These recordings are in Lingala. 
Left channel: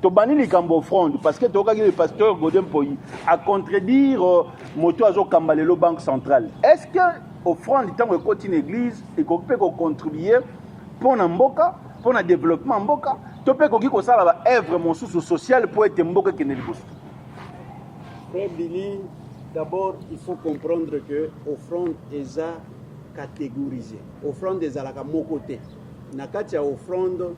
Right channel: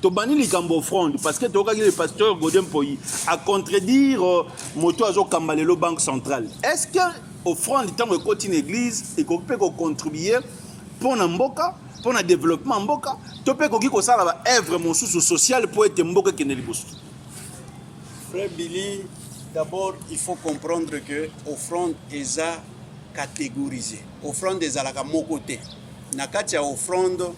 Tobani likambo offrande parce que le pasteur Godem Poyi a contredire moto azo kambalelo banque centrale. Est-ce que offrande tant que continue église et qu'on peut contribuer pour mboka pour le développement mboka to peut ko sala ba œuvre mon sous social pour être mboka keneli boss. Frère Billy, d'abord il faut comprendre que offrande est catégorisée. Offrande est à la côté. Nakati a offrande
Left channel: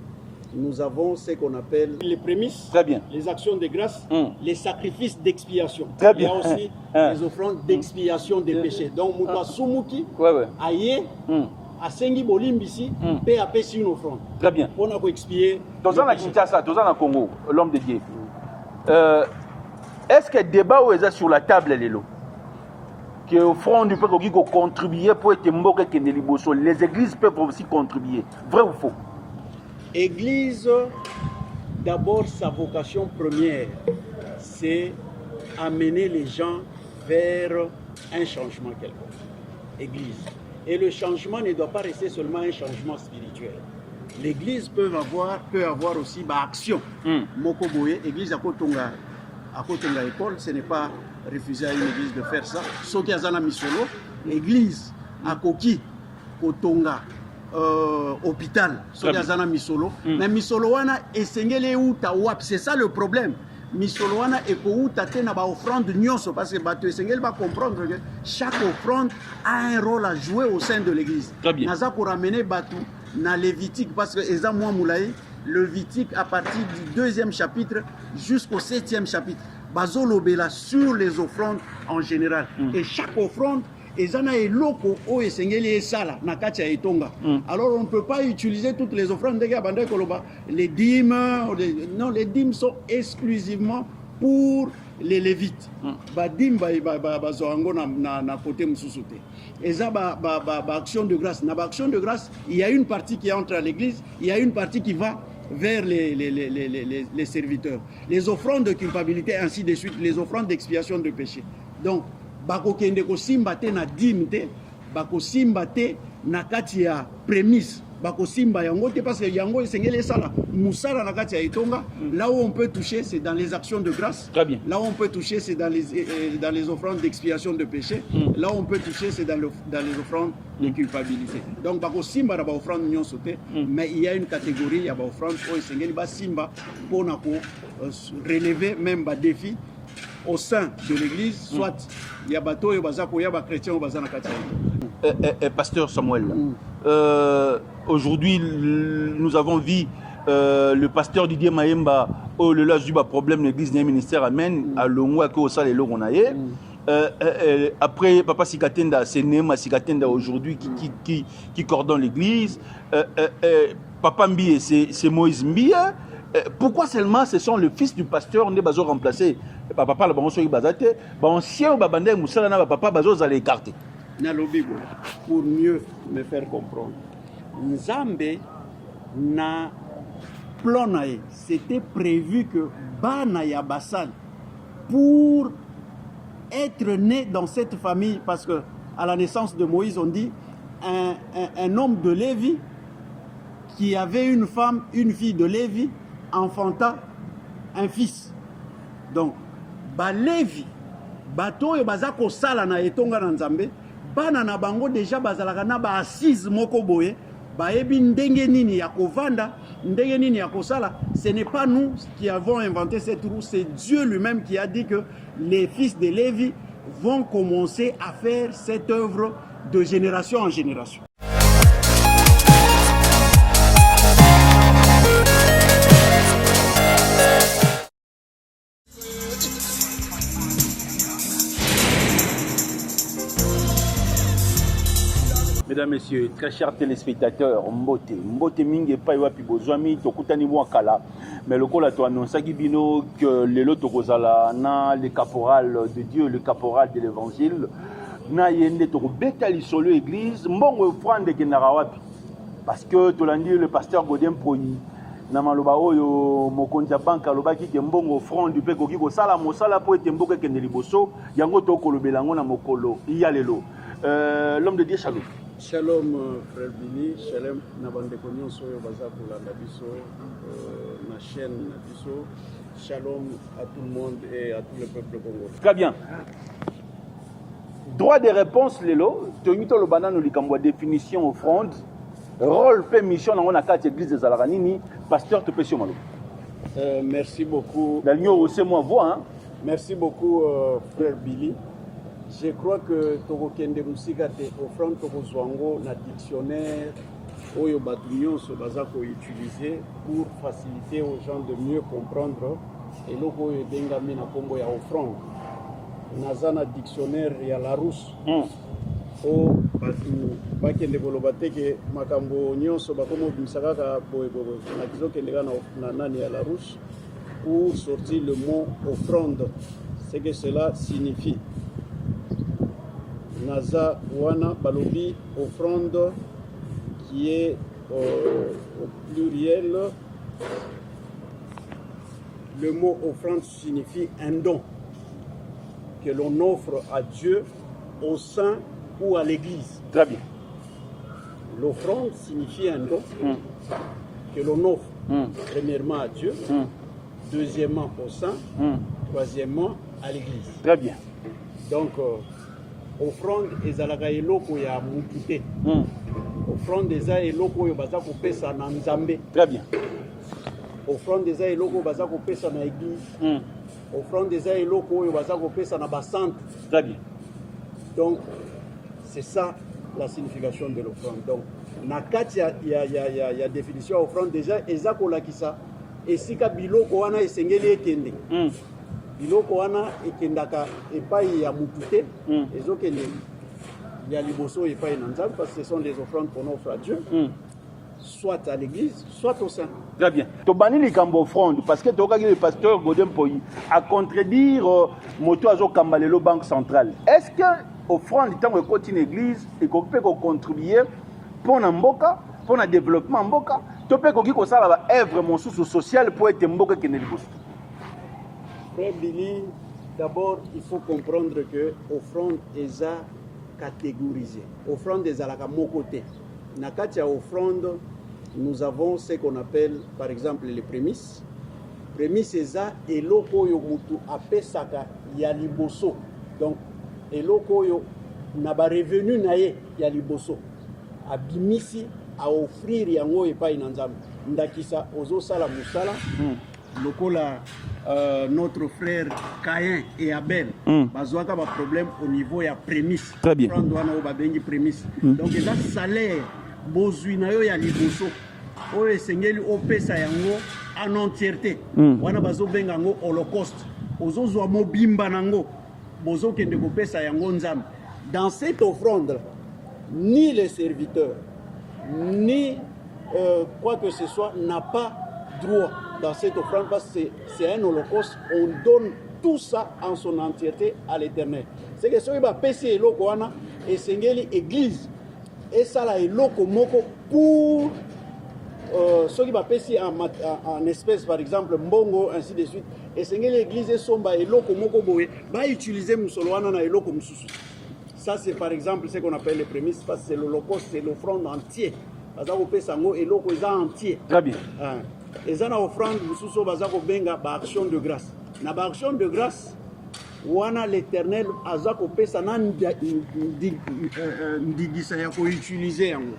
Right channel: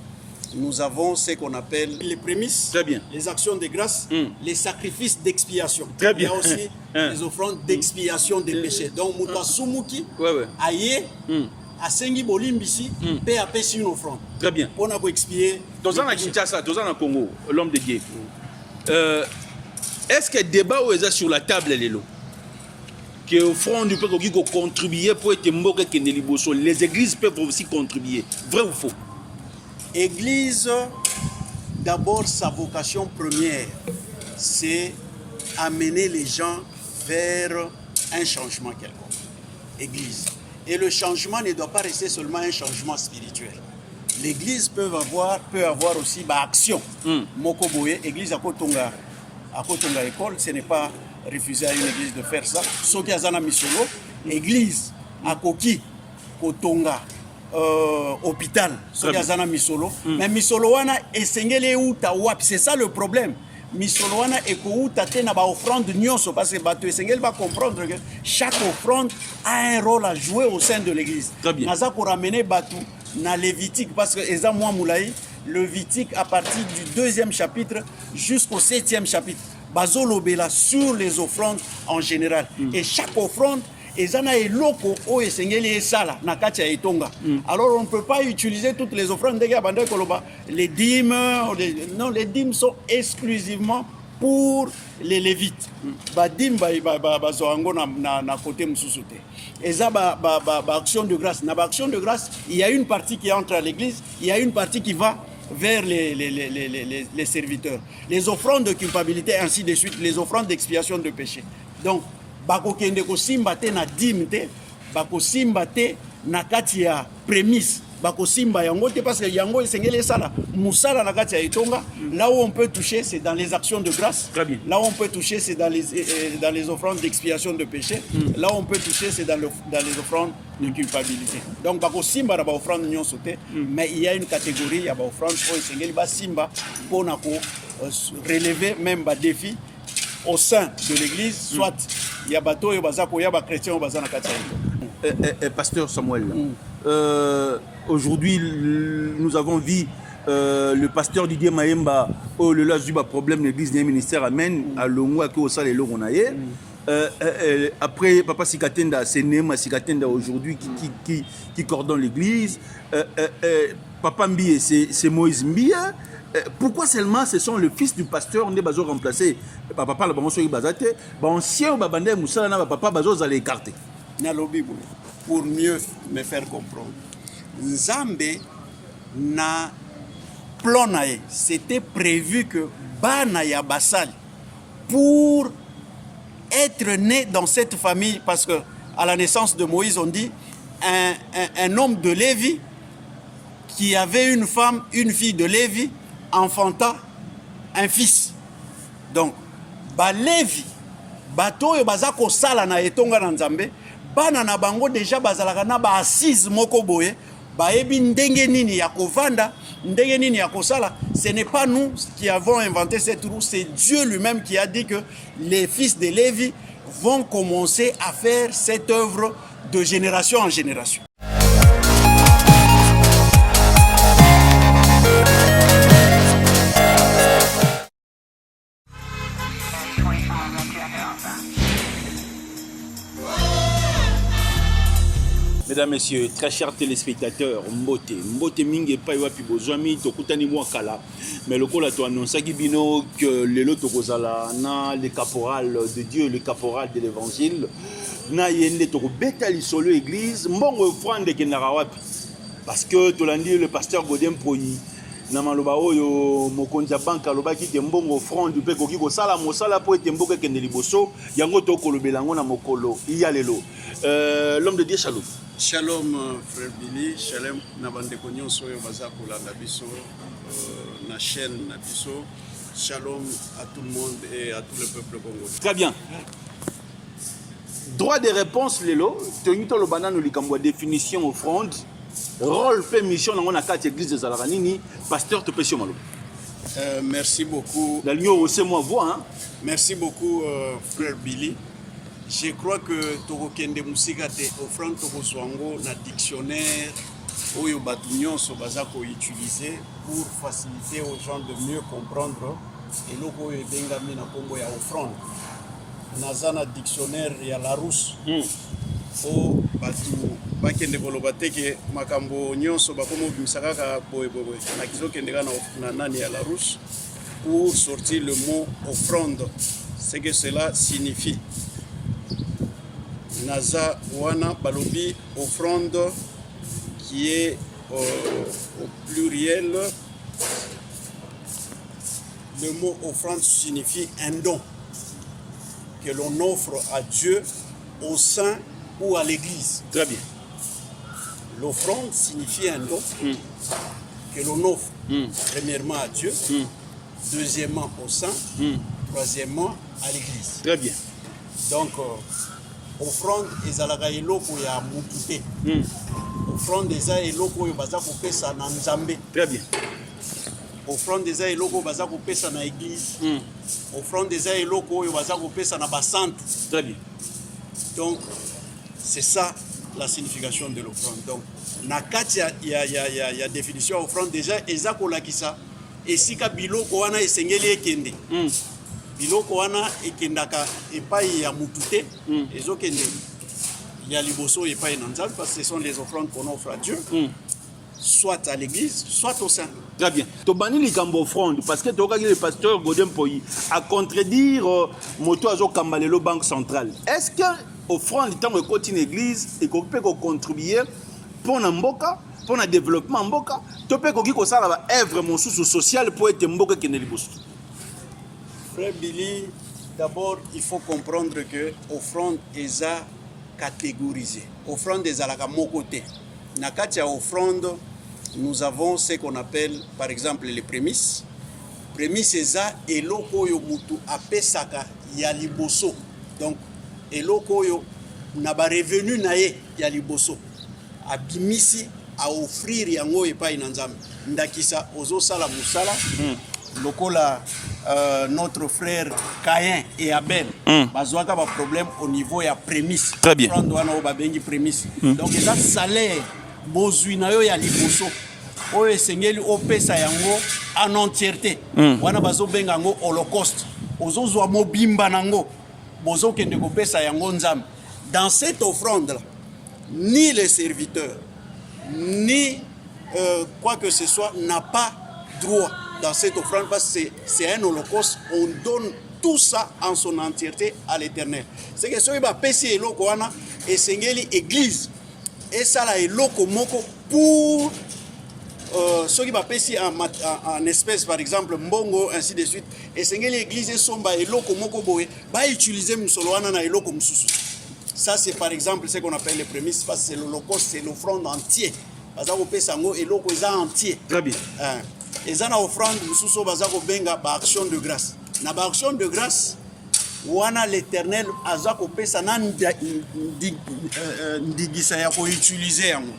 nous avons ce qu'on appelle les prémices, très bien, les actions de grâce, les sacrifices d'expiation. Très bien. Il y a aussi les offrandes d'expiation des péchés. Donc, Mouta Sumuki, Aye, Asengi Bolimbisi, paix à paix une offrande. Très bien. On a expier. Dans un Kinshasa, dans un Congo, l'homme de Dieu. Est-ce que débat ou est sur la table les lots? Que offrande du peuple qui contribuer pour être mboka keneli bosso. Les églises peuvent aussi contribuer. Vrai ou faux? Église, d'abord, sa vocation première, c'est amener les gens vers un changement quelconque. Église. Et le changement ne doit pas rester seulement un changement spirituel. L'église peut avoir aussi action. Mokoboye, église à Kotonga école, ce n'est pas refuser à une église de faire ça. Soki Azana Misolo, église à Koki, Kotonga. Hôpital, mais Misoloana esengele uta wap, c'est ça le problème. Misoloana ekouta te na ba offrande nyonso parce que bato esengele va comprendre que chaque offrande a un rôle à jouer au sein de l'église. Naza pour ramener batu na Lévitique parce que eza moi moulaï Lévitique à partir du 2e chapitre jusqu'au 7e chapitre. Bazolo bela sur les offrandes en général et chaque offrande ezana eloko o esengeli esala na kati ya etonga. Alors on ne peut pas utiliser toutes les offrandes les dîmes, non, les dîmes sont exclusivement pour les lévites. Ba dîmes ba zoango na côté mususu te. Eza ba action de grâce. Na ba action de grâce, il y a une partie qui entre à l'église, il y a une partie qui va vers les serviteurs. Les offrandes de culpabilité, ainsi de suite, les offrandes d'expiation de péché. Donc bako kende ko simba te na dîme te, bako simba te na kati ya prémisse, bako simba yango te parce que yango esengeli sala musala na kati ya etonga. Là où on peut toucher c'est dans les actions de grâce. Très bien. Là où on peut toucher c'est dans les offrandes d'expiation de péché. Là où on peut toucher c'est dans les offrandes de culpabilité. Donc bako simba na ba offrande nyonso te, mais il y a une catégorie ya ba offrande o esengeli ba simba pour na ko relever même ba défi au sein de l'église, soit il y a bateau et bazako, il y a chrétiens ou bazana katia. Pasteur Samuel, aujourd'hui nous avons vu le pasteur Didier Maemba, oh le lâche du problème de l'église des ministères amène à l'ongwa que au sale le ronaye. Après papa Sikatenda, c'est Nema Sikatenda aujourd'hui qui coordonne l'église. Papa Mbie, c'est Moïse Mbie. Pourquoi seulement ce sont le fils du pasteur on est bazo remplacé papa la bango soki bazate ba ancien ba bandé musala na papa bazo za les écarter na lo Bible pour mieux me faire comprendre. Nzambe na plan nae, c'était prévu que bana ya basal pour être né dans cette famille parce que à la naissance de Moïse on dit un homme de Lévi qui avait une femme, une fille de Lévi enfanta un fils. Donc, ba Lévi, bato yo bazako sala na etonga na Nzambe, bana na bango déjà bazalaka na ba assise moko boye, ba ebi ndenge nini ya kovanda, ndenge nini ya kosala. Ce n'est pas nous qui avons inventé cette roue, c'est Dieu lui-même qui a dit que les fils de Lévi vont commencer à faire cette œuvre de génération en génération. Mesdames, Messieurs, très chers téléspectateurs, Mbote Mingue Paiwapi Bozwami, Tokutani Mwakala, mais le col a tout annoncé que le lot Tokozala, le caporal de Dieu, le caporal de l'évangile, na yende Toko Betali sur l'église, Mbongo offrande de Narawapi. Parce que Tolandi, le pasteur Godem Poyi, Namaloba Oyo, Mokonja Banka, Lobaki, Mbongo offrande du Peko Kiko Sala, Mosala, Poete Mboka Kendeliboso, Yango Toko Lobelango na Mokolo, Iyalelo. L'homme de Dieu, Shalom. Shalom frère Billy, shalom na bande konyo soyo baza kolanda biso na chaîne na biso Shalom à tout le monde et à tout le peuple congolais. Très bien. Droit de réponse, Lelo. Tonito le banane ou likambo définition offrande. Rôle, fait mission dans la carte église de Zalaranini. Pasteur Topesio Malo. Merci beaucoup. La ligne c'est moi voix. Hein? Merci beaucoup, frère Billy. Je crois que Togo Kende Musika te offrande Togo Zwango na dictionnaire Oyo Batunion so bazako utiliser pour faciliter aux gens de mieux comprendre et loko Oyo Dengami na kombo ya offrande. Nazana dictionnaire ya Larousse. O batu bakende koloba teke makambo nyonso bakomo bimisaka ka boye na kizokende na nani ya Larousse pour sortir le mot offrande, ce que cela signifie. Naza wana balobi offrande qui est au pluriel. Le mot offrande signifie un don que l'on offre à Dieu, au saint ou à l'église. Très bien. L'offrande signifie un don que l'on offre premièrement à Dieu, deuxièmement au saint, troisièmement à l'église. Très bien. Donc, offrande ezalaka eloko ya mutu te. Offrande eza eloko oyo baza kopesa na Nzambe. Très bien. Offrande eza eloko baza kopesa na église. Offrande eza eloko oyo baza kopesa na basante. Très bien. Donc, c'est ça la signification de l'offrande. Donc, na kati ya définition ya offrande déjà eza kolakisa esika biloko wana esengeli ekende. Biloko wana ekendaka epai ya mutu te, ezokende ya liboso epai na Nzambe parce que ce sont les offrandes qu'on offre à Dieu, soit à l'église, soit au sein. Très bien. Tobani likambo offrande parce que tokaki le pasteur Godin Poyi a contredire moto azo kambalelo banque centrale. Est-ce que offrande tant que continue église et qu'on peut contribuer pour na mboka, pour na développement mboka, to peut koki ko sala ba œuvre mon sous social pour être mboka kene liboso. Frère Billy, d'abord, il faut comprendre que l'offrande est catégorisée. L'offrande est à la côté. Dans la offrande, nous avons ce qu'on appelle, par exemple, les prémices. Prémices, c'est ça, et l'oko yo mutu apesaka ya liboso. Donc, et l'oko yo n'a pas revenu nae ya liboso. Abimisi à offrir yango epai na Nzambe. Ndakisa ozo sala musala. Lokola notre frère Caïn et Abel, bazwaka ba problème au niveau ya prémisse. Très bien. Prendre wana o babengi prémisse. Donc eza salaire bozwi na yo ya liboso. Oyo esengeli opesa yango en entièreté. Wana bazo benga yango holocauste. Ozozwa mobimba nango. Bozo kende kopesa yango Nzambe. Dans cette offrande là, ni les serviteurs ni quoi que ce soit n'a pas droit dans cette offrande parce que c'est un holocauste. On donne tout ça en son entièreté à l'Éternel. C'est que ce qui va passer eloko wana et sengeli église et ça là eloko moko pour ce qui va passer en espèce par exemple mbongo ainsi de suite et sengeli église et somba eloko moko boye va utiliser musolo wana na eloko mususu. Ça c'est par exemple ce qu'on appelle les prémices parce que c'est l'holocauste, c'est l'offrande entière. Parce qu'on peut sango eloko eza entier. Très bien. Et ça, offrande, nous avons benga action de grâce. Na action de grâce, wana l'Éternel azako pesa na ndigisa ya ko utiliser yango.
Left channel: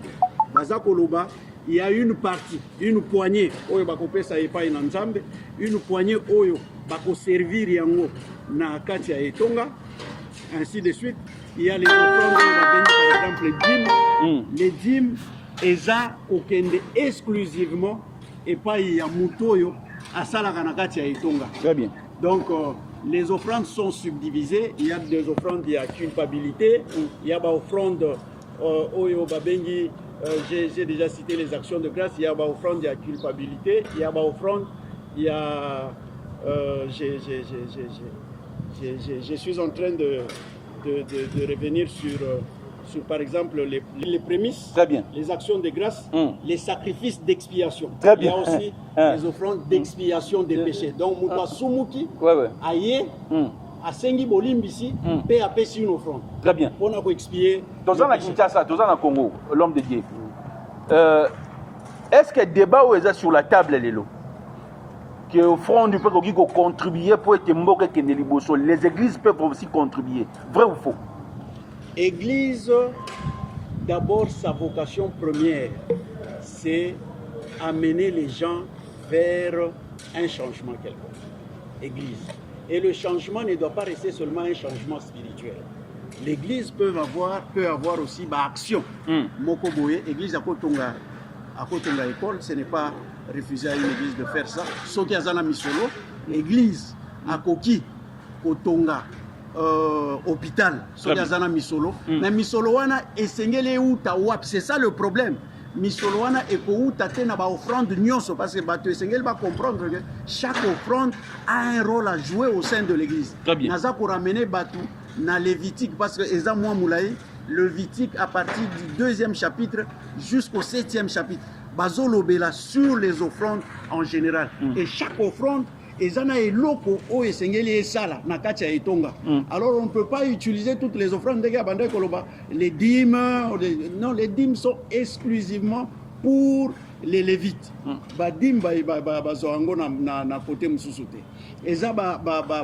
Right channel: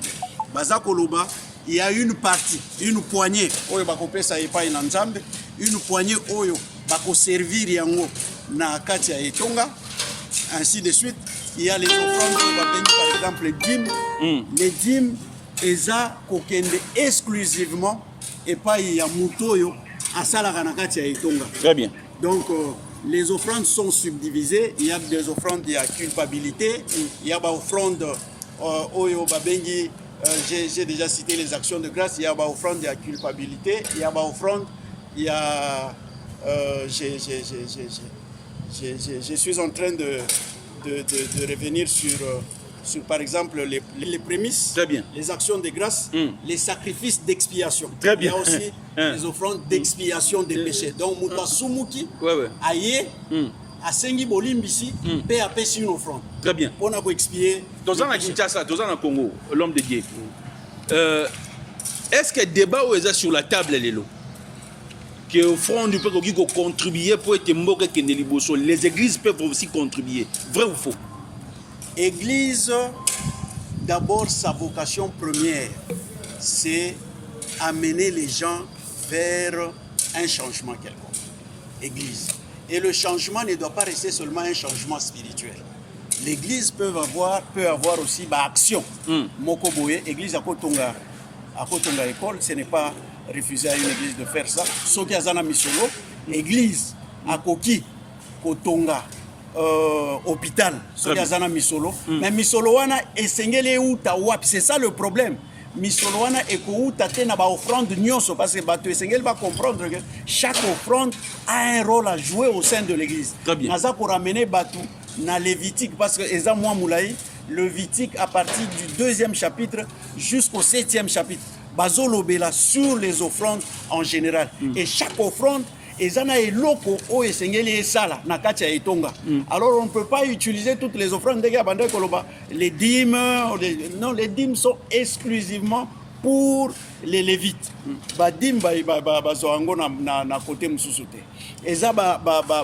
Bazako loba, il y a une partie, une poignée oyo bako pesa epai na Nzambe, une poignée oyo bako servir yango na kati ya etonga, ainsi de suite. Il y a les offrandes par exemple les dîmes. Les dîmes eza kokende exclusivement et pas il y a mutoyo à Salaganakati à Etonga. Très bien. Donc les offrandes sont subdivisées. Il y a des offrandes, il y a culpabilité, il y a des offrandes Oyo Babengi, j'ai déjà cité les actions de grâce, il y a des offrandes, il y a culpabilité, il y a des offrandes, il y a je suis en train de revenir sur par exemple les prémices, très bien, les actions de grâce, les sacrifices d'expiation. Très bien. Il y a aussi les offrandes d'expiation des péchés. Donc, Mouta Sumuki, Aye, Asengi Bolimbisi, paix à paix sur une offrande. Très bien. On a expié. Dans la Kinshasa, dans le Congo, l'homme de Dieu. Est-ce que le débat est sur la table, Lélo? que offrande peut contribuer pour être mboka kende liboso. Les églises peuvent aussi contribuer. Vrai ou faux? Église, d'abord, sa vocation première, c'est amener les gens vers un changement quelconque. Église. Et le changement ne doit pas rester seulement un changement spirituel. L'église peut avoir aussi action. Mokoboye, église à Kotonga école, ce n'est pas refuser à une église de faire ça. Soki Azana Misolo, église à Koki, Kotonga, hôpital, Soki Azana Misolo. Mais Misolo wana esengele uta wap, c'est ça le problème. Misolo wana eko uta te na ba offrande nyonso, parce que bato esengele va comprendre que chaque offrande a un rôle à jouer au sein de l'église. Très bien. Naza pour ramener batou na Lévitique, parce que Eza Mwa Moulaï, Lévitique à partir du 2e chapitre jusqu'au 7e chapitre, Bazolo Bela sur les offrandes en général. Et chaque offrande, Ezana et loko o esengeli esala na kati ya etonga. Alors on ne peut pas utiliser toutes les offrandes les dîmes, non, les dîmes sont exclusivement pour les Lévites. Badim bazoango na côté mususote. Et ça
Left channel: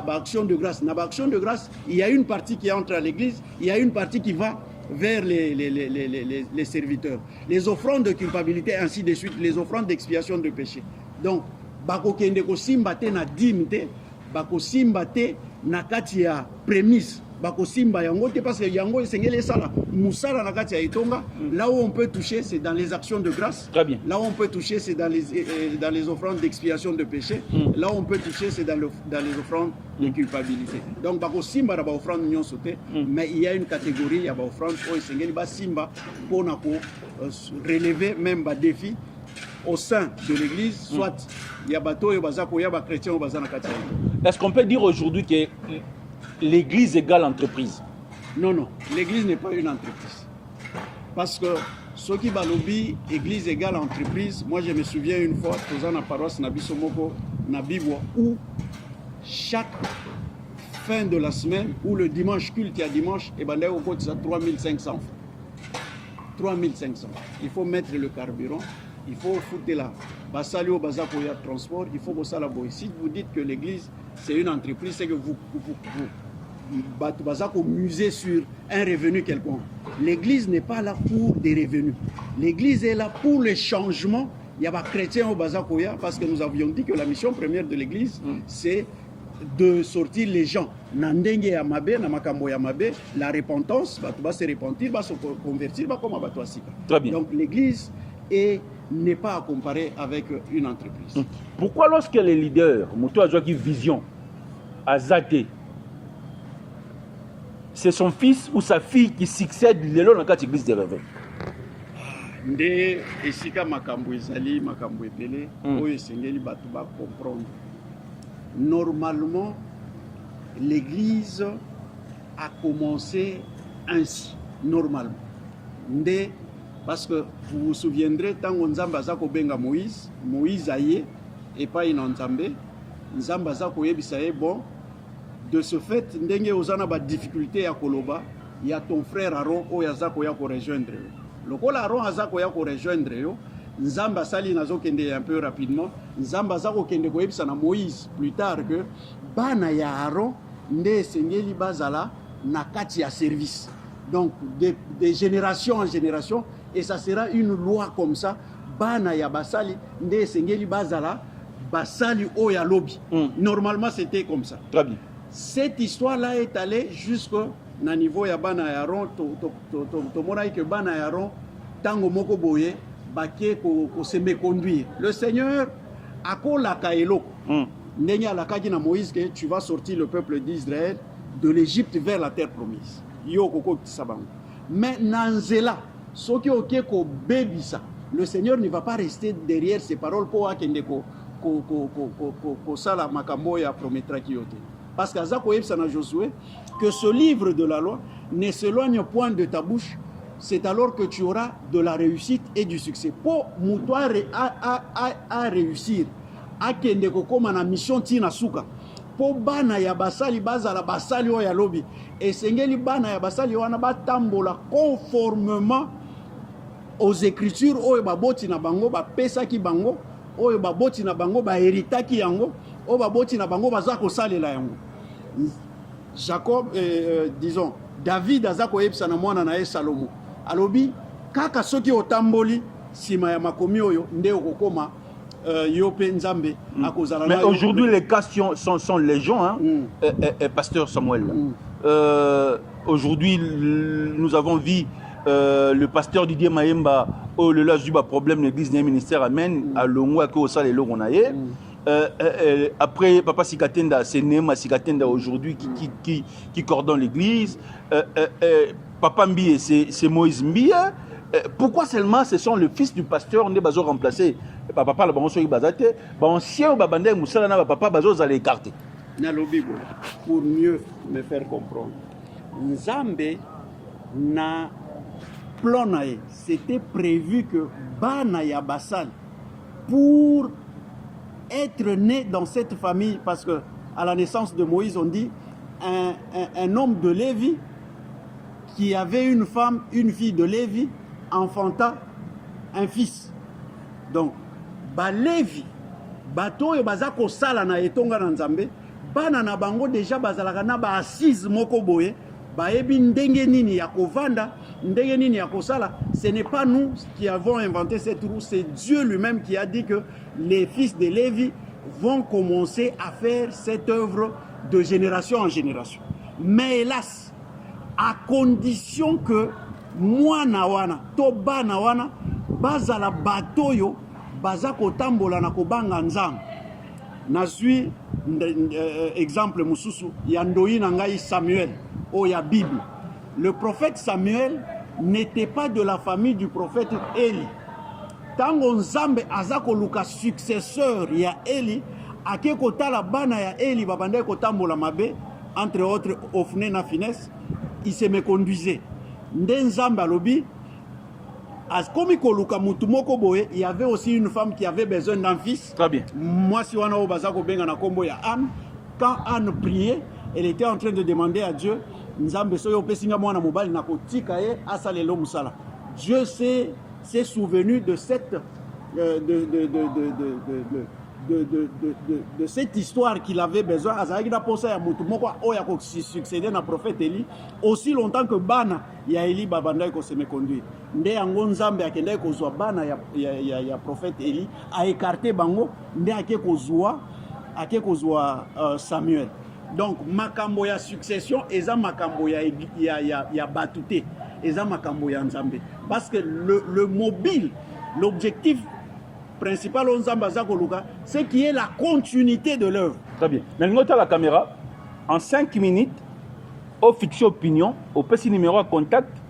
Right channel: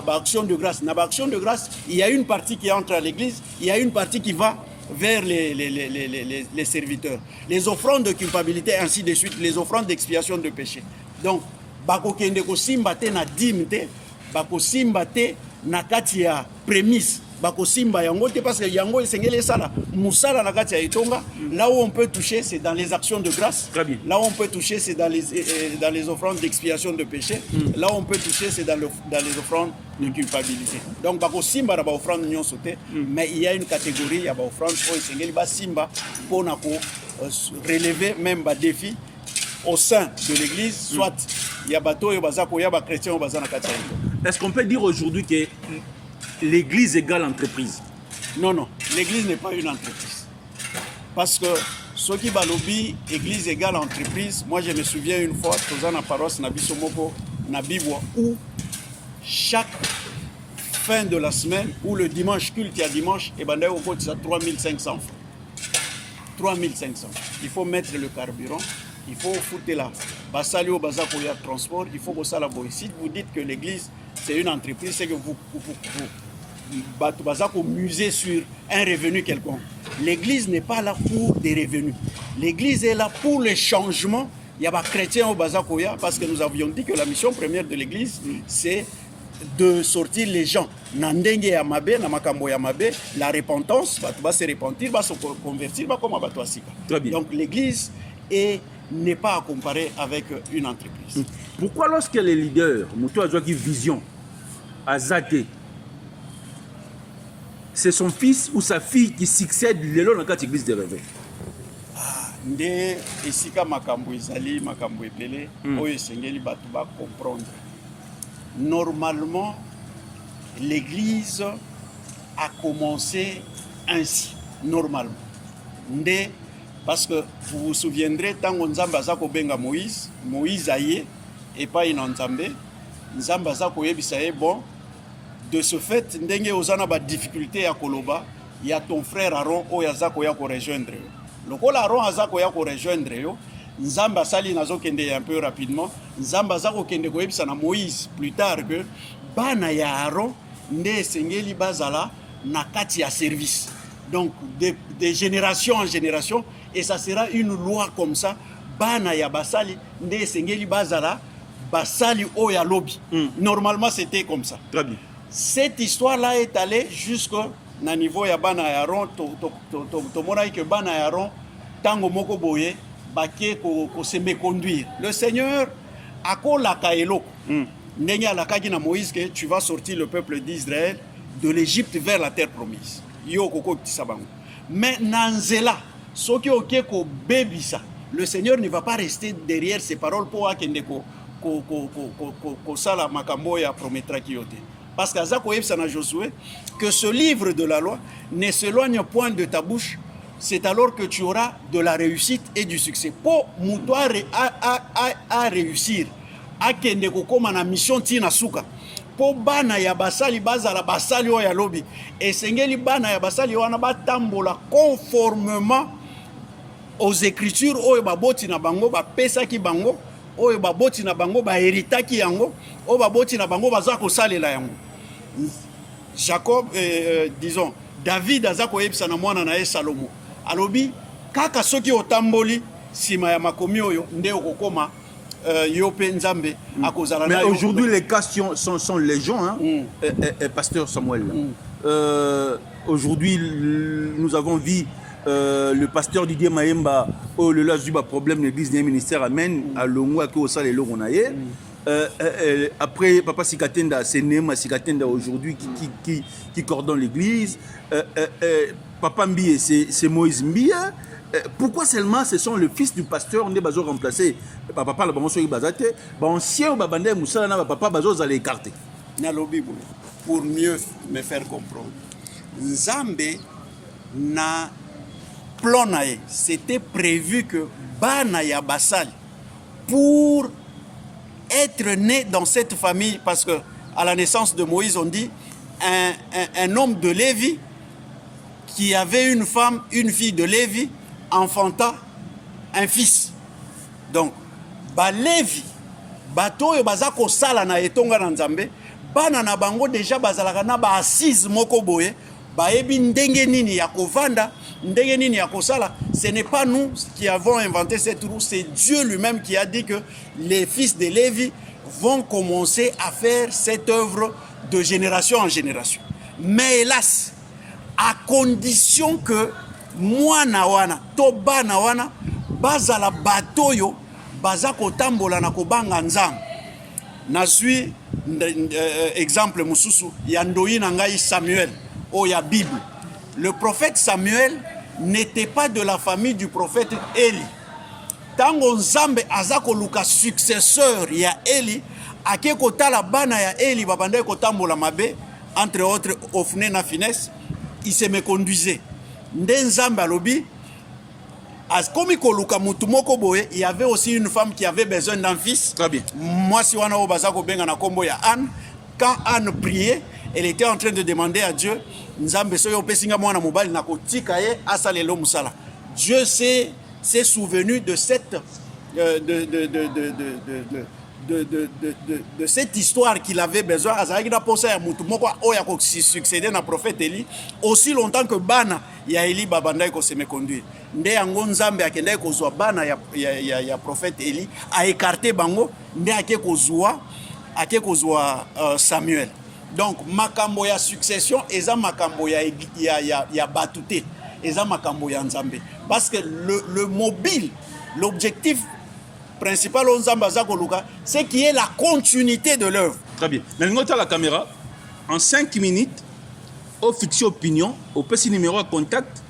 action de grâce. Dans action de grâce, il y a une partie qui entre à l'église, il y a une partie qui va vers les serviteurs. Les offrandes de culpabilité, ainsi de suite, les offrandes d'expiation de péché. Donc, bako kende ko simba te na dîme te, bako simba te na kati ya prémisse. Bako simba yango te parce que yango esengeli sala musala na kati ya etonga. Là où on peut toucher, c'est dans les actions de grâce. Très bien. Là où on peut toucher, c'est dans les offrandes d'expiation de péché. Là où on peut toucher, c'est dans les offrandes de culpabilité. Donc bako simba na ba offrande nyonso te, mais il y a une catégorie, il y a ba offrande o esengeli ba simba pour na ko relever même ba défi au sein de l'église, soit il y a bateau et bazako, il y a chrétiens ou bazana katia. Est-ce qu'on peut dire aujourd'hui que l'église égale entreprise? Non, non, l'église n'est pas une entreprise. Parce que ce qui va lobby, église égale entreprise, moi je me souviens une fois, dans la paroisse Nabisomoko, Nabibwa, où chaque fin de la semaine, ou le dimanche, culte à dimanche, et ben au côté, ça 3500 francs. 3500. Il faut mettre le carburant. Il faut foutre là. Basali au bazar pour le transport, il faut que ça la boy. Si vous dites que l'église c'est une entreprise, c'est que vous musez sur un revenu quelconque. L'église n'est pas là pour des revenus. L'église est là pour le changement. Il y a des chrétiens au bazar parce que nous avions dit que la mission première de l'église c'est de sortir les gens. Nandenge yamabe, namakambo yamabe, la repentance, va se repentir, va se convertir, va comme abattoasika. Très bien. Donc l'église n'est pas à comparer avec une entreprise. Pourquoi lorsque les leaders, Moutou a qui vision, Azate, c'est son fils ou sa fille qui succède l'élo dans l'église de réveil? Nde esika makambo ezali makambo ebele oyo esengeli bato ba comprendre. Normalement, l'église a commencé ainsi, normalement. Nde parce que vous vous souviendrez, tant que Nzamba Zako benga Moïse aye et pas une Nzambe, Nzamba Zako yebisaye bon. De ce fait, ndenge ozana ba difficulté ya koloba, il y a ton frère Aaron o yazako ya ko rejoindre yo. Lokola Aaron azako ya ko rejoindre yo, Nzamba sali nazo kende un peu rapidement, Nzamba Zako kende ko yebisa na Moïse plus tard que bana ya Aaron nde sengeli bazala na kati ya service. Donc de génération en génération. Et ça sera une loi comme ça. Bana ya basali, nde sengeli bazala, basali o ya lobby. Normalement, c'était comme ça. Très bien. Cette histoire-là est allée jusqu'au niveau ya bana ya Aaron. To mona que bana ya Aaron, tango moko boye, baké ko se méconduire. Le Seigneur a ko la kaelo. Ndenge alakaki na Moïse que tu vas sortir le peuple d'Israël de l'Égypte vers la terre promise. Yo koko tisabango. Mais nanzela le Seigneur ne va pas rester derrière ses paroles pour parce que Josué que ce livre de la loi ne s'éloigne point de ta bouche, c'est alors que tu auras de la réussite et du succès. Pour moutoire à réussir, à kende kokoma na mission tina suka. Po bana ya basali bazala basali o ya lobi et sengeli bana ya basali wana batambola conformément aux écritures o baboti na bango ba pesa ki bango oyo baboti na bango baheritaki yango oyo baboti na bango baza kosalela yango. Jacob, disons, David aza koyebisa na mwana na ye Salomo alobi kaka soki otamboli sima ya makomi oyo nde okokoma yo pe nzambe akozala na. Mais aujourd'hui les cas sont légion, hein, pasteur Samuel. Aujourd'hui nous avons vu le pasteur Didier Mayemba au le là du problème l'église des ministères amen à longo que au salé on a après papa Sikatenda c'est Nema Sikatenda aujourd'hui qui coordonne l'église. Papa Mbiye c'est Moïse Mbiye. Pourquoi seulement ce sont le fils du pasteur on est bazo remplacé papa la bango soki bazate ba ancien babande musala na papa bazo za l'écarter na lo Bible pour mieux me faire comprendre. Nzambe na plan nae c'était prévu que bana ya basali pour être né dans cette famille, parce que à la naissance de Moïse on dit un homme de Lévi qui avait une femme, une fille de Lévi enfanta un fils. Donc ba Lévi bato oyo baza kosala na etonga na Nzambe bana na bango déjà bazalaka na ba assise moko boye bayebi ndenge nini ya kovanda ndenge nini ya kosala. Ce n'est pas nous qui avons inventé cette roue, c'est Dieu lui-même qui a dit que les fils de Lévi vont commencer à faire cette œuvre de génération en génération. Mais hélas, à condition que mwana wana to bana wana bazala batoyo baza kotambola na kobanga nzambe. Nazwi exemple mususu ya ndoi na ngai Samuel o ya Bible. Le prophète Samuel n'était pas de la famille du prophète Eli. Tango nzambe aza koluka successeur ya Eli ake kotala bana ya Eli babande kotambola mabe entre autres Ofne na Finesse, il se me conduisait. Nde nzambe alobi comme koluka mutu moko boye, il y avait aussi une femme qui avait besoin d'un fils. Très bien. Moi si wana o bazako benga na kombo ya Anne, quand Anne priait, elle était en train de demander à Dieu nzambe soyo pesinga mwana mobali na kotika ye asalelo musala. Dieu s'est souvenu de cette de cette histoire qu'il avait besoin. Azaki na posa ya mutu moko oya ko succéder na prophète Eli aussi longtemps que bana ya Eli babanda ko se me conduire. Nde yango nzambe akenda ko zwa bana ya prophète Eli a écarté bango nde ake ko zwa Samuel. Donc makambo ya succession eza makambo ya batute eza makambo ya nzambe, parce que le mobile, l'objectif principal on nzambe aza koluka c'est qui est la continuité de l'œuvre. Très bien. Mais ngota la caméra en 5 minutes au fixé opinion au petit numéro à contact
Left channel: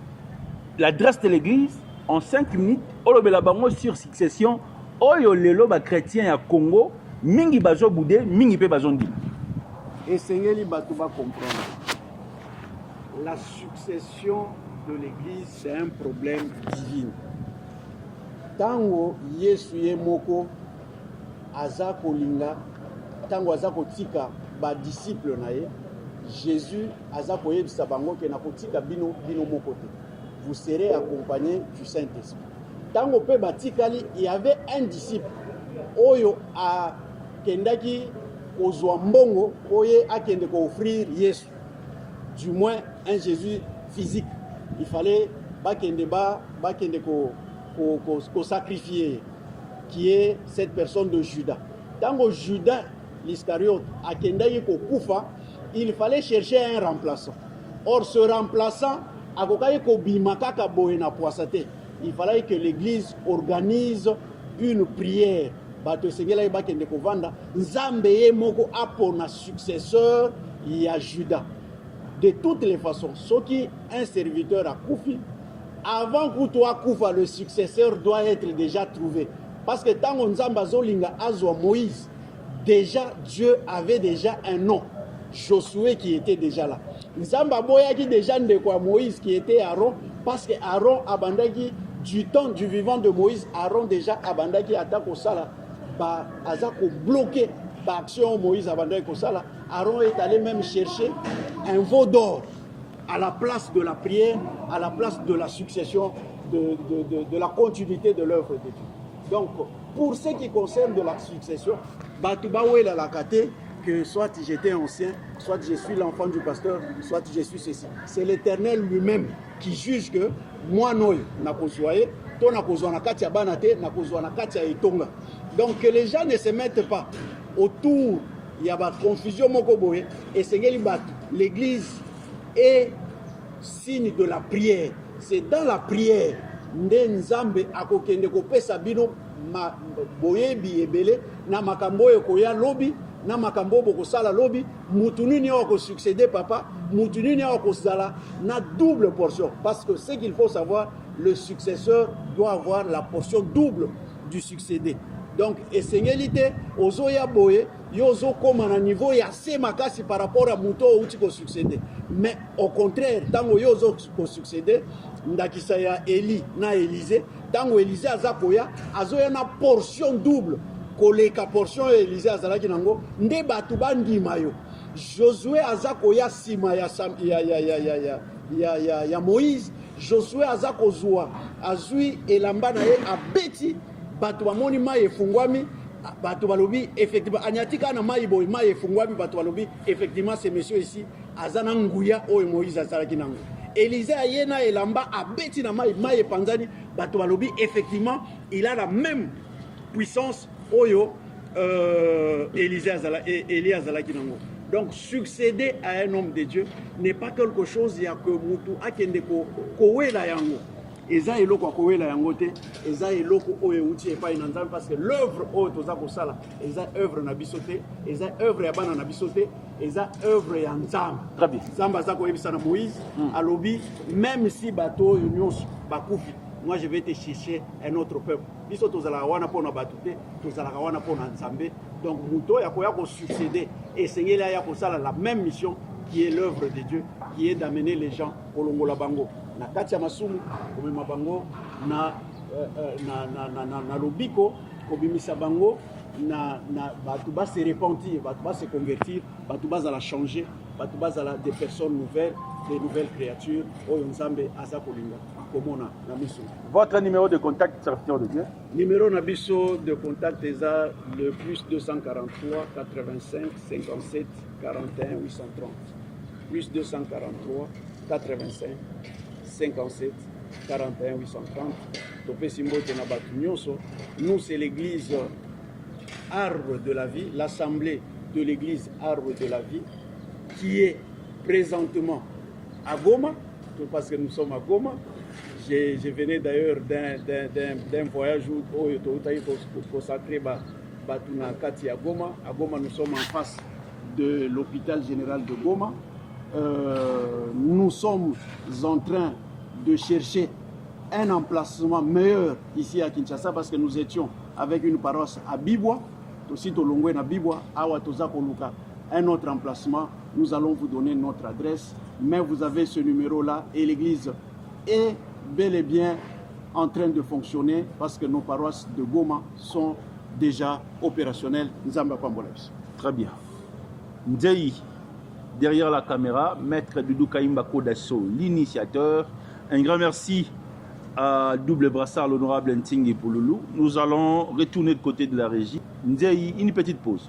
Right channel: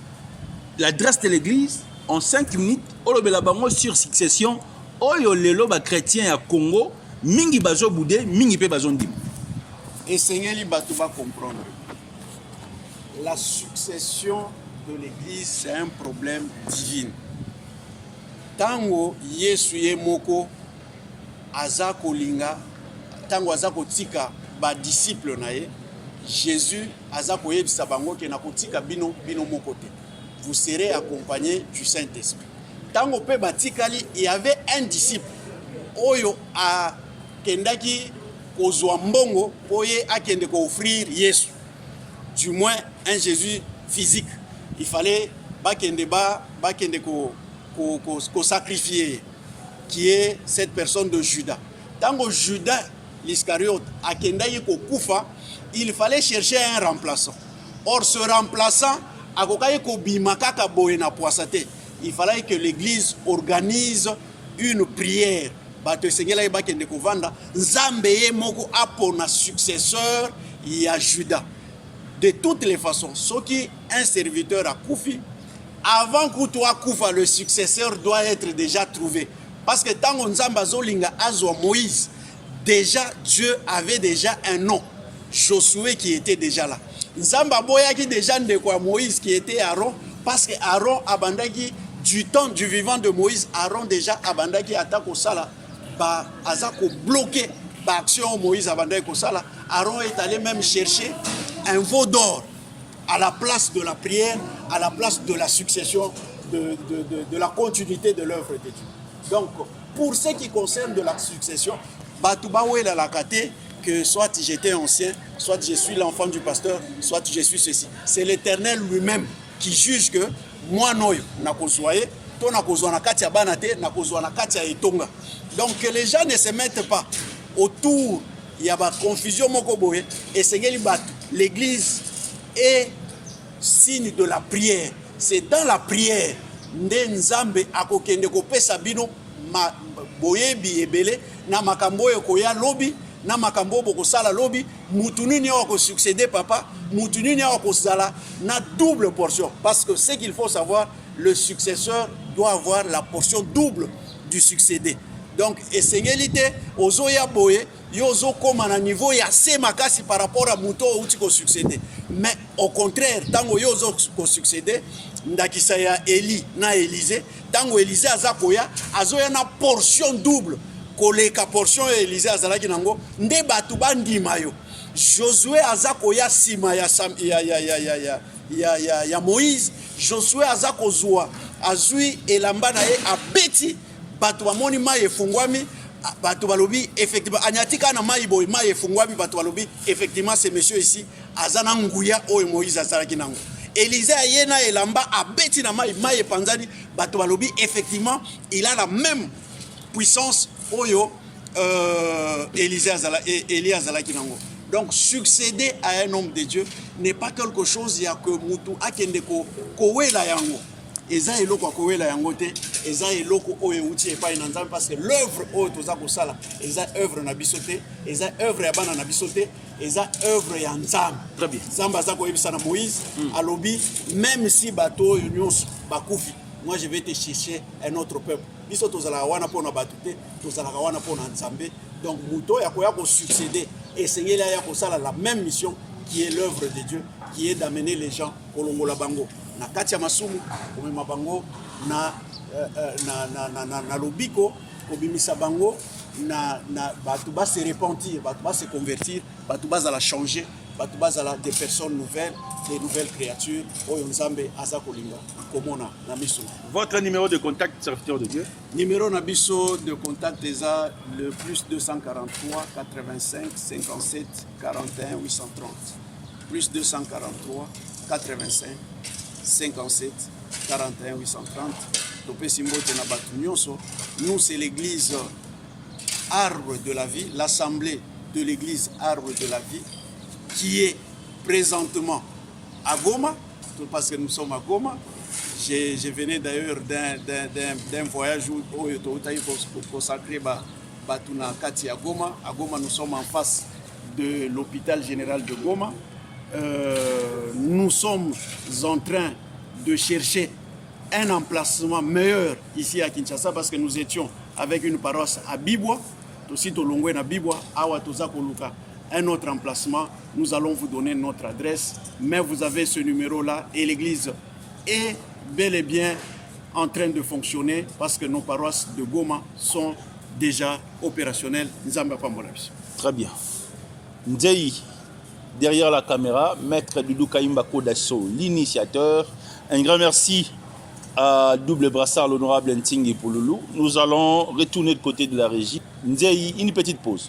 l'adresse de l'église en 5 minutes au lobela bango sur succession oyo lelo ba chrétien ya Congo mingi bazo boudé mingi pe bazo ndima. Et Seigneur bato va comprendre. La succession de l'église c'est un problème divin. Tango Yesu ye moko aza kolinga tango aza kotika ba disciple na ye Jésus aza koyebisa bango ke na kotika bino moko te. Vous serez accompagnés du Saint-Esprit. Tango pe batikali il y avait un disciple oyo a kendaki kozwa mbongo oye akende ko offrir Yesu, du moins un Jésus physique. Il fallait bakende ko sacrifier, qui est cette personne de Judas. Tango Judas l'Iscariote akendaki ko kufa, il fallait chercher un remplaçant. Or ce remplaçant akokai ko bimaka ka boye na poisate. Il fallait que l'église organise une prière. Bato sengela bakende ko vanda nzambe ye moko apona successeur ya Judas. De toutes les façons, soki un serviteur a koufi, avant que toi koufa, le successeur doit être déjà trouvé. Parce que tant que nzambe azolinga azwa Moïse, déjà Dieu avait déjà un nom, Josué qui était déjà là. Nzambe aboyaki déjà ndeko Moïse qui était Aaron, parce que Aaron abandaki du temps du vivant de Moïse, Aaron déjà abandaki atako sala ba azako bloqué ba action Moïse abandaki sala. Aaron est allé même chercher un veau d'or à la place de la prière, à la place de la succession, de la continuité de l'œuvre de Dieu. Donc, pour ce qui concerne de la succession, Batouba Ouela Lakate, que soit j'étais ancien, soit je suis l'enfant du pasteur, soit je suis ceci. C'est l'Éternel lui-même qui juge que moi, noyo, n'a consoyé, ton n'a consoyé na katia banate, n'a consoyé na katia etonga. Donc que les gens ne se mettent pas autour, il y a une confusion mokoboye, et c'est l'église est signe de la prière. C'est dans la prière, Nzambe akokende kopesa bino boyebi ebele na makambo koya lobi na makambo bokosala lobi mutu nini ako succéder papa mutu nini ako sala na double portion parce que ce qu'il faut savoir le successeur doit avoir la portion double du succédé. Donc esengélité ozoya boye yozo comme à niveau ya semakasi par rapport à muto outi ko succéder. Mais au contraire tango yozo ko succéder ndakisa ya Eli na Élisée tango Élisée azakoya azoya na portion double koleka portion ya Élisée azalaki nango nde batu bandima yo. Josué azakoya sima ya Moïse. Josué azakozwa azui elamba na ye abeti bato bamoni mai efungwami bato balobi effectivement anyatika na mai boy mai efungwami bato balobi effectivement ce monsieur ici azana nguya oyo Moïse azalaki nango. Élisée ayena elamba abeti na mai epanzani bato balobi effectivement il a la même puissance oyo Élie azalaki nango. Donc succéder à un homme de Dieu n'est pas quelque chose ya que mutu akende ko wela yango. Eza eloko akowela yango te, eza eloko oyo uti epai na Nzambe parce que l'œuvre oyo toza kosala eza œuvre na biso te, eza œuvre ya bana na biso te, eza œuvre ya Nzambe. Très bien. Nzambe aza koyebisa na Moïse alobi même si bato oyo nyonso bakufi, moi je vais te chercher un autre peuple. Biso tozala wana pona bato te, tozala wana pona Nzambe. Donc muto ya koya ko succéder, essayer là ya kosala la même mission qui est l'œuvre de Dieu, qui est d'amener les gens au Longola Bango. Na katia masumu komema bango na lobiko kobimisa bango na batu ba se repentir, batu ba se convertir, batu ba za la changer, batu ba za la des personnes nouvelles, des nouvelles créatures oyo Nzambe aza kolinga komona na miso. Votre numéro de contact, serviteur de Dieu? Numéro na biso de contact eza le plus 243 85 57 41 830. Plus 243 85 57 41 830. Nous, c'est l'église Arbre de la Vie, l'assemblée de l'église Arbre de la Vie, qui est présentement à Goma, parce que nous sommes à Goma. Je venais d'ailleurs d'un voyage où il faut consacrer Batuna Kati à Goma. À Goma, nous sommes en face de l'hôpital général de Goma. Nous sommes en train de chercher un emplacement meilleur ici à Kinshasa parce que nous étions avec une paroisse à Bibwa, aussi Tolongwe na Bibwa, Awa Toza Koluka, un autre emplacement. Nous allons vous donner notre adresse, mais vous avez ce numéro-là et l'église est bel et bien en train de fonctionner parce que nos paroisses de Goma sont déjà opérationnelles. Très bien. Ndei, derrière la caméra, Maître Doudou Kaimba Kodasso, l'initiateur. Un grand merci à Double Brassard, l'honorable Ntingi Pouloulou. Nous allons retourner de côté de la régie. Ndei, une petite pause.